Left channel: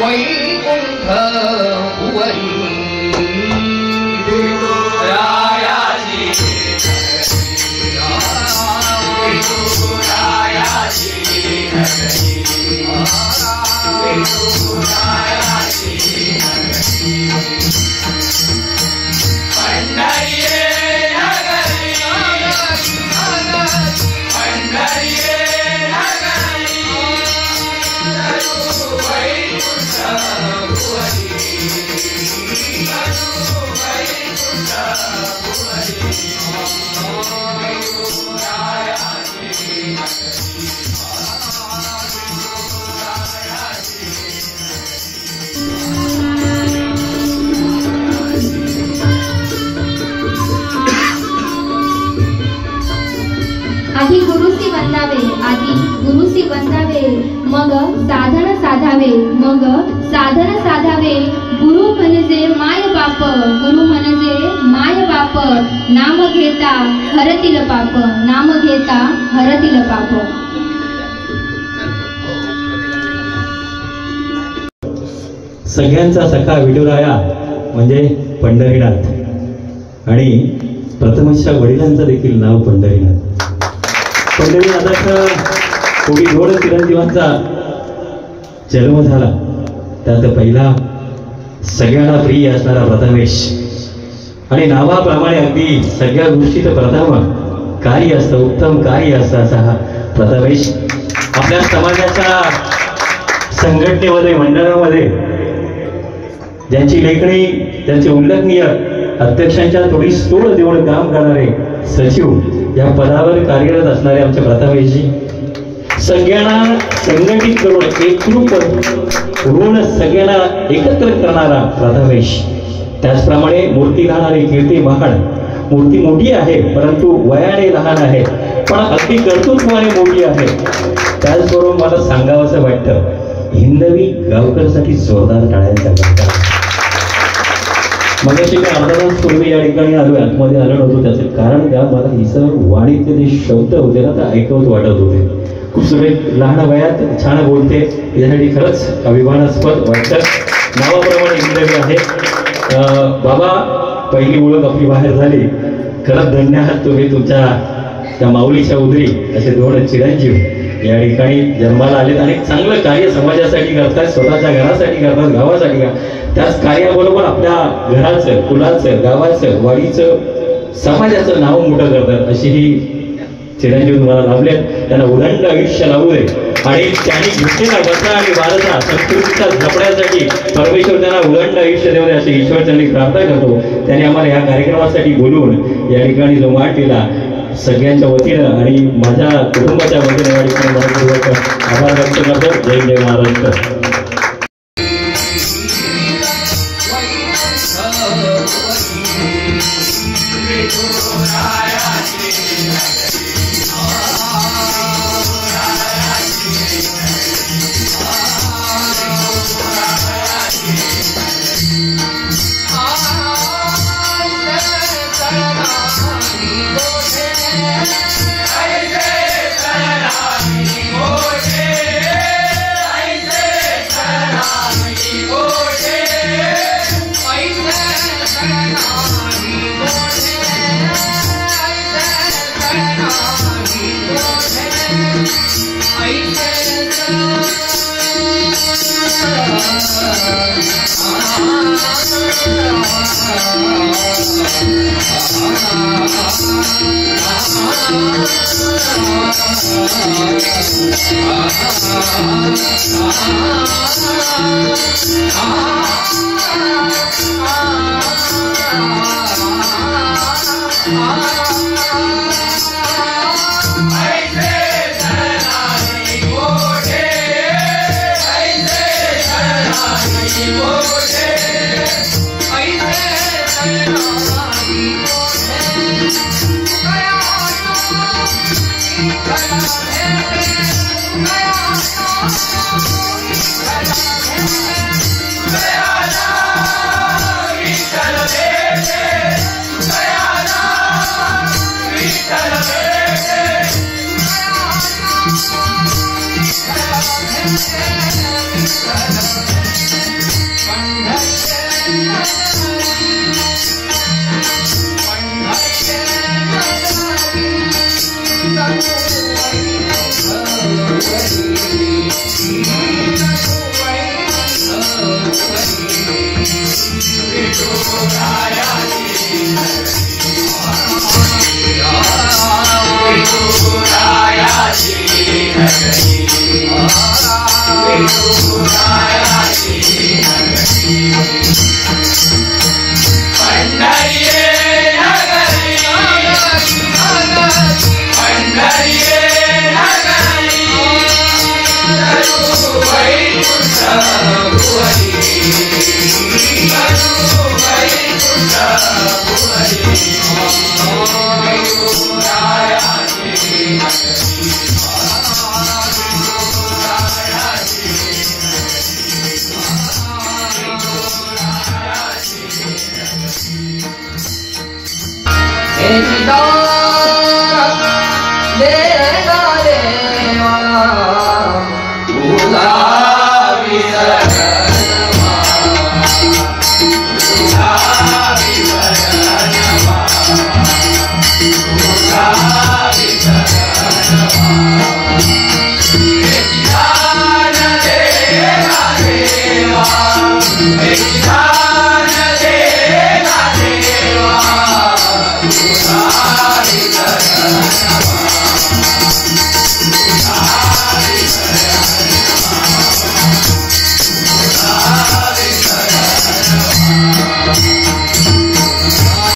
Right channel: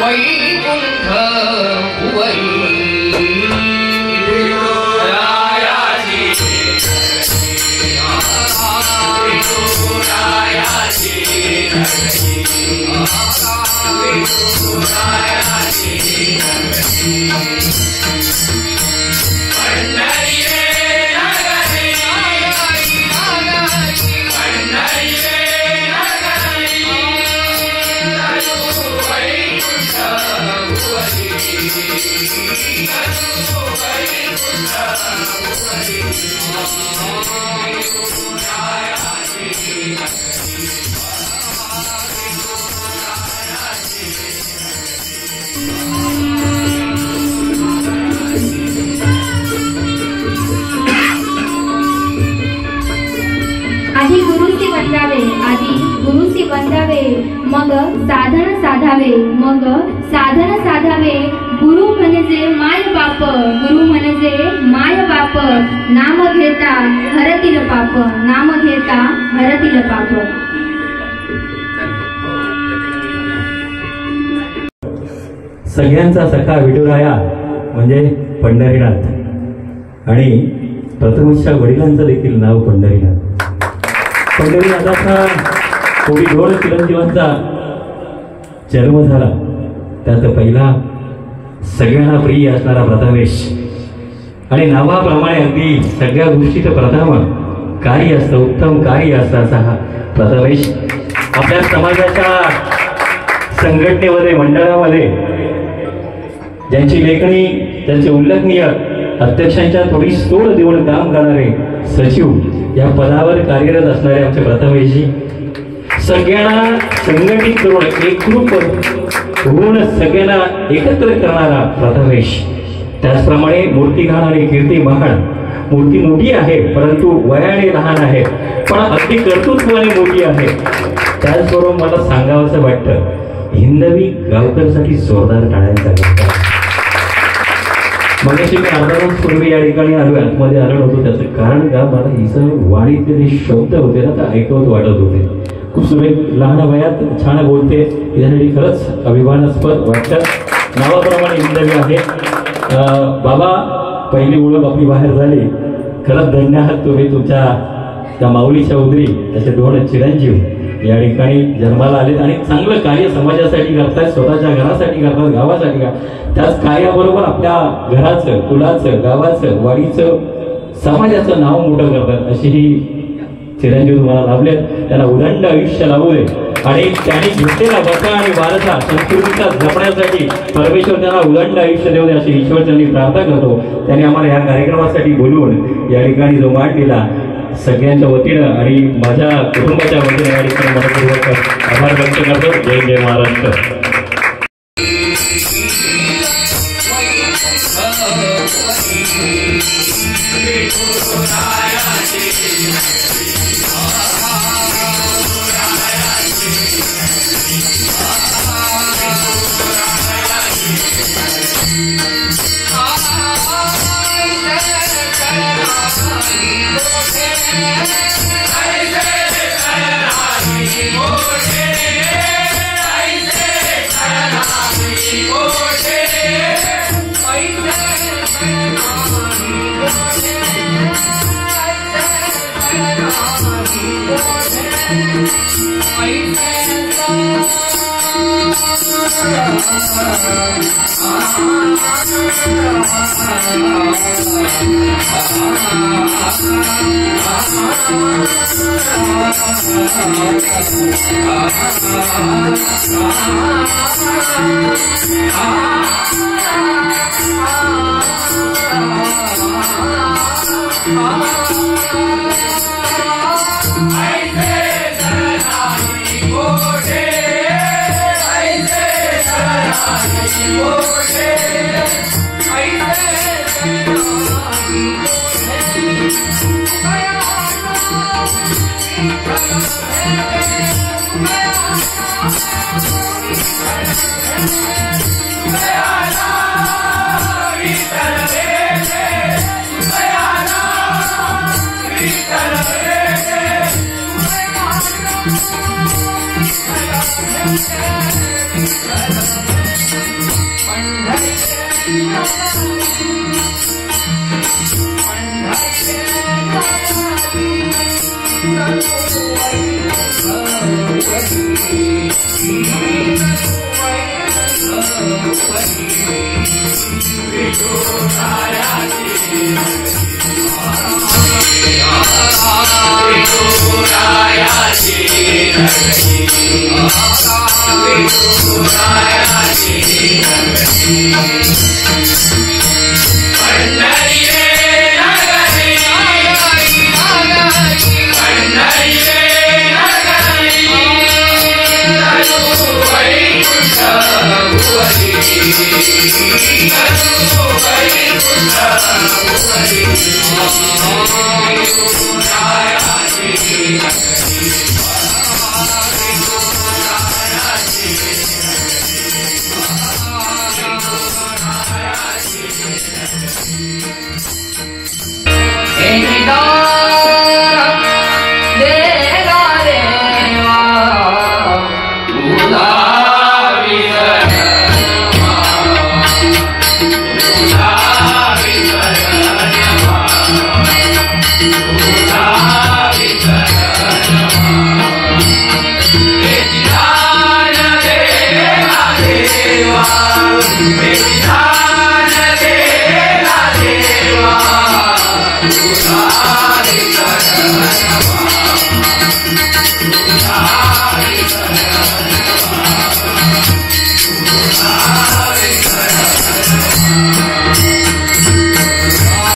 वैकुंठ भुवई मग साधन साधावे मग साधन साधावे गुरु म्हणजे माय बाप गुरु म्हणजे माय बाप नाम घेता हरतील पाप नाम घेता हरतील पाप। सगळ्यांचा सखा विठुराया म्हणजे पंढरीनाथ आणि प्रथमेशच्या वडिलांचं देखील नाव पंढरीनाथ। पंढरीनाथाचा कोणी दोन चिरंजीवांचा जन्म झाला त्यात पहिला सगळ्यांना प्रिय असणारा प्रथमेश आणि नावाप्रमाणे अगदी सगळ्या गोष्टीचं प्रथम कार्य असतं उत्तम कार्य असतं असा हा प्रथमेश आपल्या समाजाच्या संघटनेमध्ये मंडळामध्ये ज्यांची लेखणी त्यांचे उल्लेखनीय अध्यक्षांच्या थोडी तोड देऊन काम करणारे सचिव या पदावर कार्यरत असणारे आमचे प्रथमेशजी सगळ्यांना संघटित करून एकरूप होऊन सगळ्यांना एकत्र करणारा प्रथमेश। त्याचप्रमाणे मूर्ती घालणारी कीर्ती महान मूर्ती मोठी आहे परंतु वयाने लहान आहे पण अगदी कर्तृत्वाने मोठी आहे। त्याचबरोबर मला सांगावंसं वाटतं हिंदवी गावकरसाठी जोरदार टाळ्यांचा गजर। मगाशी मी अर्धा तास पूर्वी या ठिकाणी आलो आतमध्ये आलो होतो त्याचं कारण का मला हिचं वाणीतले जे शब्द होते ना ते ऐकवत वाटत होते खूप सुरेख लहान वयात छान बोलते यासाठी खरंच अभिमानास्पद वाटतं। नावाप्रमाणे हिंदवी आहे बाबा पहिली ओळख आपली बाहेर झाली खरंच धन्य आहात तुम्ही तुमच्या त्या माऊलीच्या उदरी असे दोन चिरंजीव या ठिकाणी जन्माला आलेत आणि चांगलं कार्य समाजासाठी करतात स्वतःच्या घरासाठी करतात गावासाठी त्याच कार्याबरोबर आपल्या घराचं कुलाचं गावाचं वाडीचं समाजाचं नाव मोठं करतात अशी ही चिरंजीव तुम्हाला लाभलेत त्यांना उदंड आयुष्य लाभू दे आणि त्यांनी घेतलेला बसा आणि भारता संस्कृतीचा जपण्यासाठी परमेश्वर त्यांना उदंड आयुष्य देऊ दे अशी ईश्वर त्यांनी प्रार्थना करतो। त्यांनी आम्हाला या कार्यक्रमासाठी बोलवून या ठिकाणी जो मान दिला सगळ्यांच्या वतीनं आणि माझ्या कुटुंबाच्या वतीनं या ठिकाणी मनपूर्वक आभार व्यक्त करतो। जय जय महाराष्ट्र। Hare